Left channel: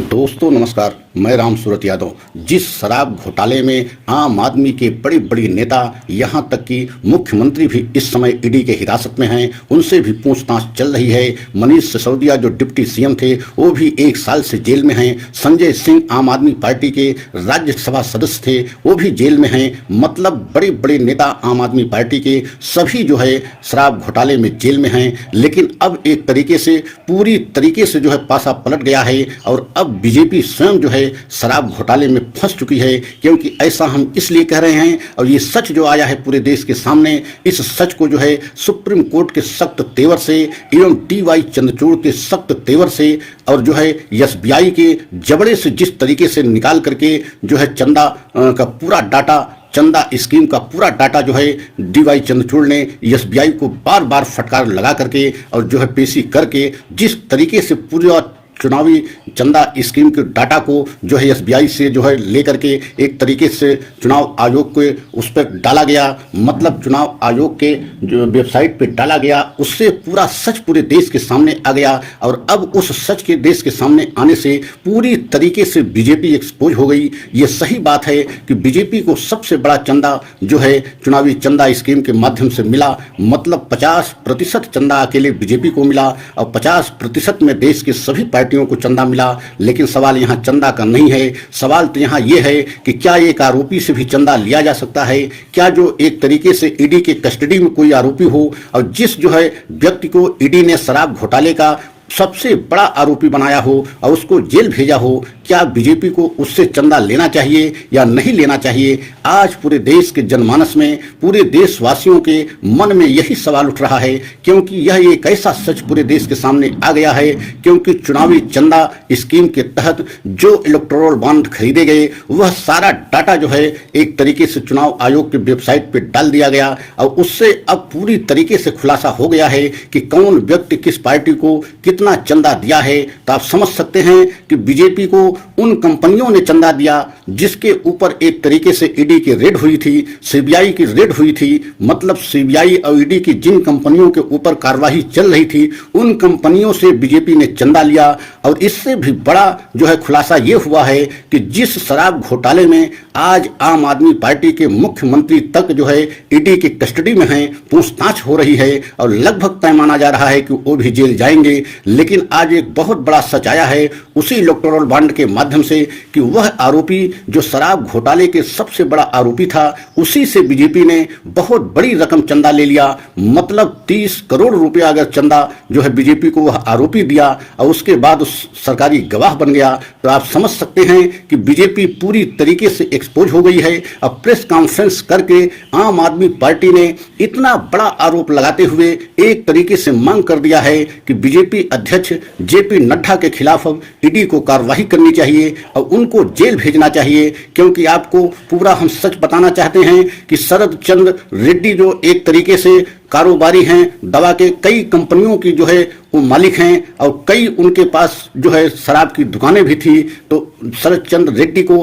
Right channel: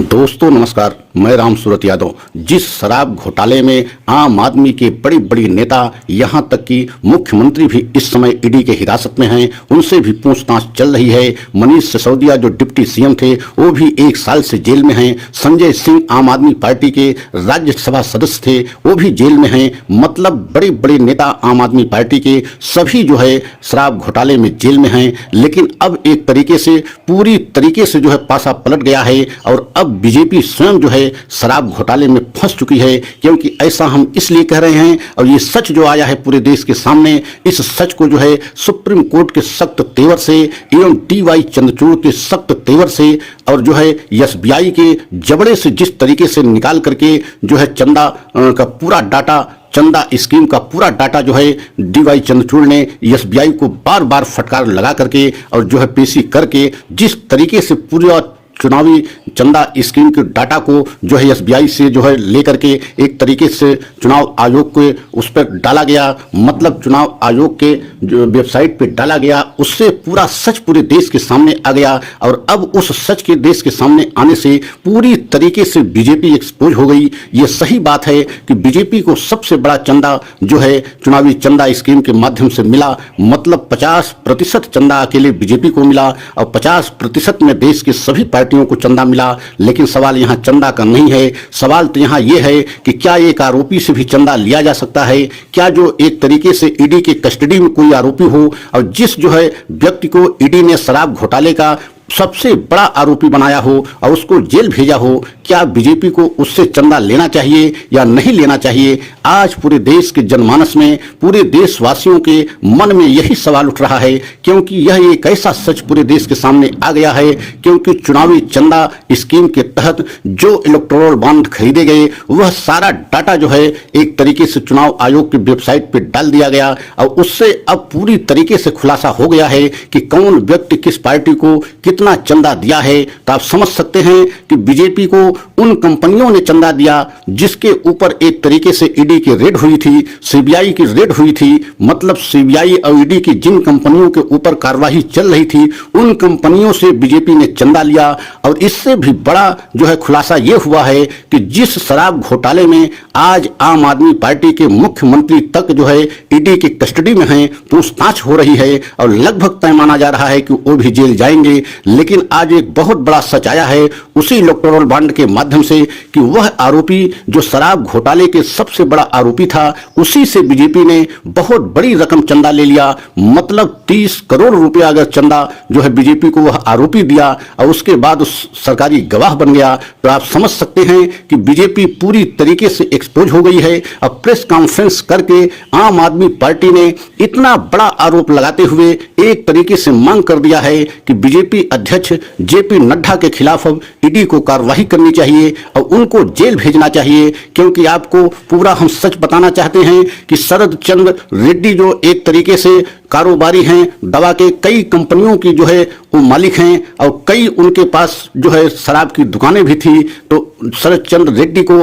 दोस्तों नमस्कार, मैं राम सूरत यादव। जिस शराब घोटाले में आम आदमी के बड़ी बड़ी नेता, यहां तक कि मुख्यमंत्री भी इस समय ईडी के हिरासत में हैं, उनसे भी पूछताछ चल रही है। मनीष सिसोदिया जो डिप्टी सीएम थे वो भी 1 साल से जेल में हैं। संजय सिंह आम आदमी पार्टी के राज्यसभा सदस्य थे, वो भी जेल में हैं। मतलब बड़े बड़े नेता आम आदमी पार्टी के सभी जो है शराब घोटाले में जेल में हैं। लेकिन अब एक तरीके से पूरी तरीके से जो है पासा पलट गया है और अब बीजेपी स्वयं जो है शराब घोटाले में फंस चुकी है। क्योंकि ऐसा हम इसलिए कह रहे हैं और ये सच जो आया है पूरे देश के सामने, इस सच को जो है सुप्रीम कोर्ट के सख्त तेवर से एवं DY चंद्रचूड़ के सख्त तेवर से और जो है SBI के जबड़े से जिस तरीके से निकाल करके जो है चंदा का पूरा डाटा, चंदा स्कीम का पूरा डाटा जो है DY चंद्रचूड़ ने SBI को बार बार फटकार लगा करके और जो है पेशी करके जिस तरीके से पूरा चुनावी चंदा स्कीम के डाटा को जो है SBI से जो है लेकर के एक तरीके से चुनाव आयोग के उस पर डाला गया, मतलब चुनाव आयोग के जो वेबसाइट पे डाला गया, उससे पूरा सच पूरे देश के सामने आ गया। और अब उस सच के देश के सामने आने से पूरी तरीके से बीजेपी एक्सपोज हो गई। ये सही बात है कि बीजेपी को सबसे बड़ा चंदा जो है चुनावी चंदा स्कीम के माध्यम से मिला, मतलब 50% चंदा अकेले बीजेपी को मिला और 50% में देश के सभी पार्टियों को चंदा मिला। लेकिन सवाल यहाँ चंदा का नहीं है, सवाल तो यहाँ ये है कि क्या एक आरोपी से भी चंदा लिया जा सकता है? क्या जो एक तरीके से ईडी के कस्टडी में कोई आरोपी हो और जिस जो है व्यक्ति को ईडी ने शराब घोटाले का सबसे बड़ा आरोपी बनाया हो और उसको जेल भेजा हो, क्या बीजेपी को उससे चंदा लेना चाहिए या नहीं लेना चाहिए? आज पूरे देश के जनमानस में, पूरे देशवासियों के मन में यही सवाल उठ रहा है, क्योंकि यह एक ऐसा सच पूरे देश के सामने आ गया है। क्योंकि चुनावी चंदा स्कीम के तहत जो इलेक्टोरल बॉन्ड खरीदे गए वह सारा डाटा जो है एक तरीके से चुनाव आयोग की वेबसाइट पर डाल दिया गया और उससे अब पूरी तरीके से खुलासा हो गया है कि कौन व्यक्ति किस पार्टी को कितना चंदा दिया है। तो आप समझ सकते हैं कि बीजेपी को उन कंपनियों ने चंदा दिया जिसके ऊपर एक तरीके से ईडी की रेड हुई थी, CBI की रेड हुई थी। मतलब CBI और ईडी की जिन कंपनियों के ऊपर कार्रवाई चल रही थी उन कंपनियों से बीजेपी ने चंदा लिया। और इससे भी बड़ा जो है खुलासा यह हुआ है कि जिस शराब घोटाले में आज आम आदमी पार्टी के मुख्यमंत्री तक जो है ईडी की कस्टडी में हैं, पूछताछ हो रही है और लगभग तय माना जा रहा है कि वो भी जेल जाएंगे। लेकिन आज एक बहुत बड़ा सच आया है उसी इलेक्टोरल बॉन्ड के माध्यम से कि वह आरोपी जो शराब घोटाले के सबसे बड़ा आरोपी था, उसी से बीजेपी ने बहुत बड़ी रकम चंदा ले लिया। मतलब 30 करोड़ रुपया अगर चंदा जो है बीजेपी को वह आरोपी दिया और उसके बाद उस सरकारी गवाह बन गया, तो आप समझ सकते हैं कि बीजेपी पूरी तरीके से एक्सपोज हो गई है। अब प्रेस कॉन्फ्रेंस करके आम आदमी पार्टी ने इतना बड़ा आरोप लगाते हुए एक तरीके से मांग कर दिया है कि बीजेपी अध्यक्ष JP नड्डा के खिलाफ अब ईडी को कार्रवाई करनी चाहिए और उनको जेल भेजना चाहिए। क्योंकि आपको पूरा हम सच बताना चाहते हैं कि शरद चंद्र रेड्डी जो एक तरीके से कारोबारी हैं, दवा के कई कंपनियों की जो है वो मालिक हैं और कई उनके पास जो है शराब की दुकानें भी थी। तो शरद चंद्र रेड्डी को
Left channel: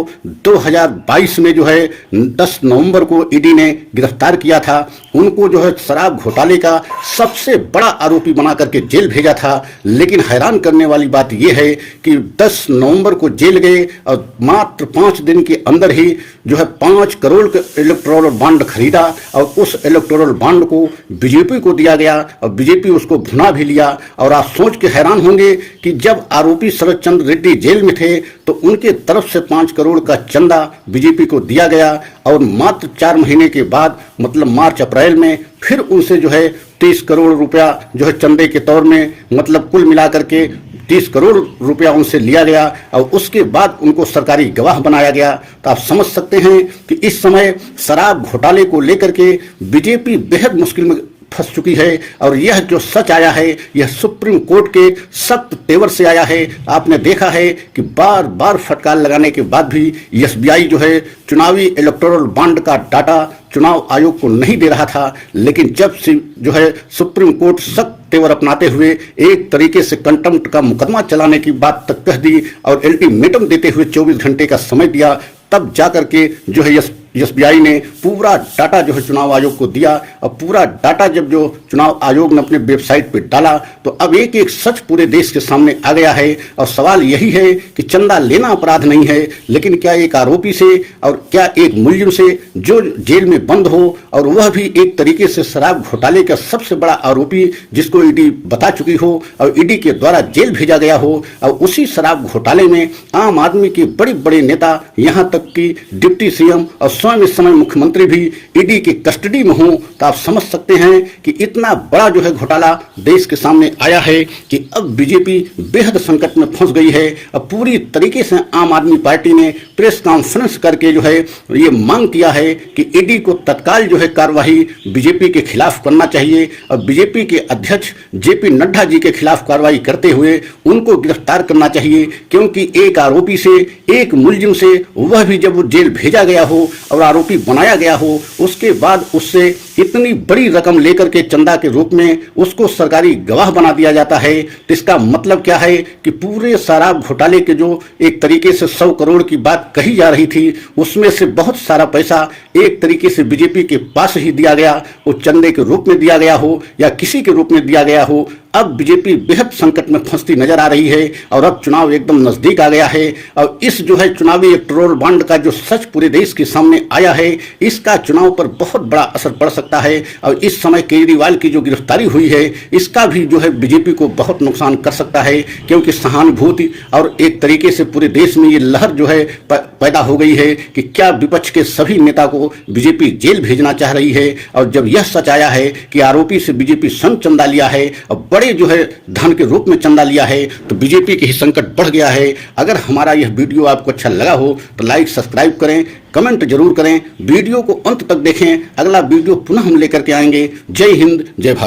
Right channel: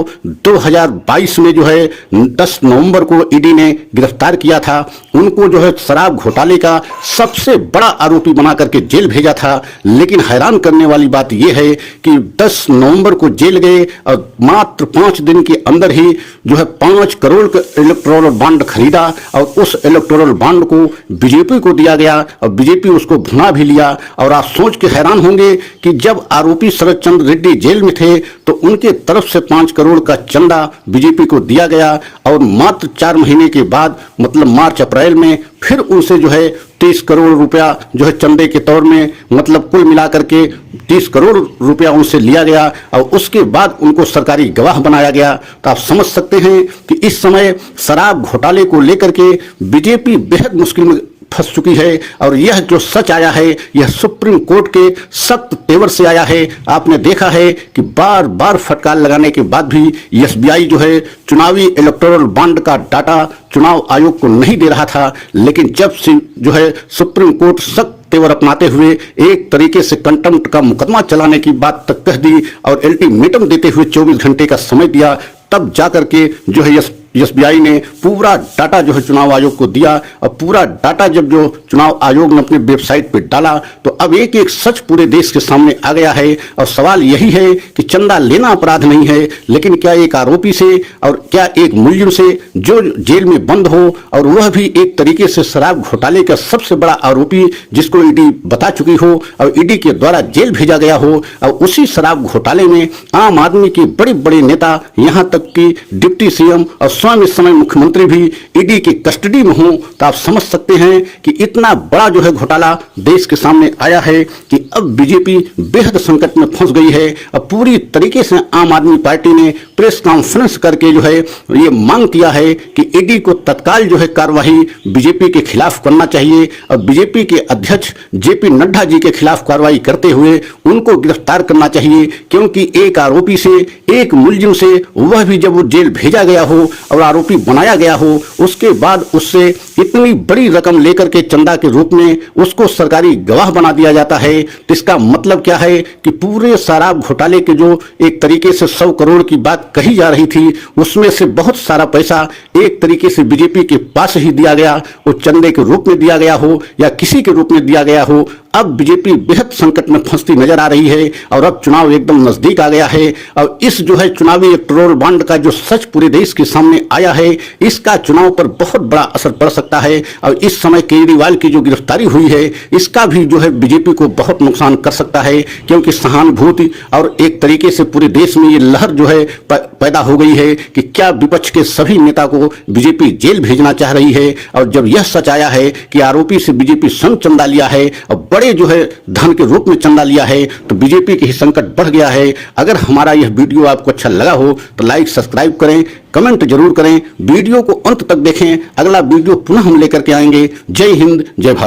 2022 में जो है 10 नवंबर को ईडी ने गिरफ्तार किया था। उनको जो है शराब घोटाले का सबसे बड़ा आरोपी बना करके जेल भेजा था। लेकिन हैरान करने वाली बात यह है कि 10 नवंबर को जेल गए और मात्र 5 दिन के अंदर ही जो है 5 करोड़ का इलेक्टोरल बॉन्ड खरीदा और उस इलेक्टोरल बॉन्ड को बीजेपी को दिया गया और बीजेपी उसको भुना भी लिया। और आप सोच के हैरान होंगे कि जब आरोपी शरद चंद्र रेड्डी जेल में थे तो उनके तरफ से 5 करोड़ का चंदा बीजेपी को दिया गया और मात्र 4 महीने के बाद मतलब मार्च अप्रैल में फिर उनसे जो है 30 करोड़ रुपया जो है चंदे के तौर में, मतलब कुल मिलाकर के 30 करोड़ रुपया उनसे लिया गया और उसके बाद उनको सरकारी गवाह बनाया गया। तो आप समझ सकते हैं कि इस समय शराब घोटाले को लेकर के बीजेपी बेहद मुश्किल में फंस चुकी है। और यह जो सच आया है यह सुप्रीम कोर्ट के सख्त तेवर से आया है। आपने देखा है कि बार बार फटकार लगाने के बाद भी SBI जो है चुनावी इलेक्टोरल बॉन्ड का डाटा चुनाव आयोग को नहीं दे रहा था। लेकिन जब से जो है सुप्रीम कोर्ट सख्त तेवर अपनाते हुए एक तरीके से कंटेम्प्ट का मुकदमा चलाने की बात तक कह दी और अल्टीमेटम देते हुए 24 घंटे का समय दिया, तब जाकर के जो है एसबीआई ने पूरा डाटा जो है चुनाव आयोग को दिया और पूरा डाटा जब जो चुनाव आयोग ने अपने वेबसाइट पे डाला तो अब एक एक सच पूरे देश के सामने आ गया है। और सवाल यही है कि चंदा लेना अपराध नहीं है, लेकिन क्या एक आरोपी से और क्या एक मुलजिम से जो जेल में बंद हो और वह भी एक तरीके से शराब घोटाले का सबसे बड़ा आरोपी जिसको ईडी बता चुकी हो और ईडी के द्वारा जेल भेजा गया हो, और उसी शराब घोटाले में आम आदमी के बड़े बड़े नेता यहां तक कि डिप्टी सीएम और स्वयं इस समय मुख्यमंत्री भी ईडी की कस्टडी में हो, तो आप समझ सकते हैं कि इतना बड़ा जो है घोटाला देश के सामने आया है कि अब बीजेपी बेहद संकट में फंस गई है। अब पूरी तरीके से आम आदमी पार्टी ने प्रेस कॉन्फ्रेंस करके जो है ये मांग किया है कि ईडी को तत्काल जो है कार्यवाही बीजेपी के खिलाफ करना चाहिए और बीजेपी के अध्यक्ष जेपी नड्डा जी के खिलाफ कार्रवाई करते हुए उनको गिरफ्तार करना चाहिए, क्योंकि एक आरोपी से एक मुलजिम से वह भी जब वो जेल भेजा गया हो और आरोपी बनाया गया हो उसके बाद उससे इतनी बड़ी रकम लेकर के चंदा के रूप में उसको सरकारी गवाह बना दिया जाता है, तो इसका मतलब क्या है कि पूरे शराब घोटाले के जो एक तरीके से 100 करोड़ की बात कही जा रही थी उसमें से बहुत सारा पैसा एक तरीके से बीजेपी के पास ही दिया गया, वो चंदे के रूप में दिया गया हो या किसी के रूप में दिया गया हो। अब बीजेपी बेहद संकट में फंसती नजर आ रही है और अब चुनाव एकदम नजदीक आ गया है और इस जो है चुनावी इलेक्टोरल बॉन्ड का जो सच पूरे देश के सामने आया है इसका चुनाव पर बहुत बड़ा असर पड़ सकता है। और इस समय केजरीवाल की जो गिरफ्तारी हुई है इसका भी जो है बीजेपी को बहुत नुकसान कर सकता है, क्योंकि सहानुभूति और एक तरीके से पूरे देश में ये लहर जो है पैदा हो गई है कि क्या विपक्ष के सभी नेता को बीजेपी जेल भेजना चाह रही है। और जब यह सच आया है कि आरोपी से बीजेपी स्वयं चंदा लिया है और बड़े जो है धन के रूप में चंदा लिया है तो बीजेपी के ही संकट बढ़ गया है। अगर हमारा यह वीडियो आपको अच्छा लगा हो तो लाइक सब्सक्राइब करें, कमेंट जरूर करें, वीडियो को अंत तक देखें। अगला वीडियो पुनः हम लेकर के आएंगे। जय हिंद, जय भारत।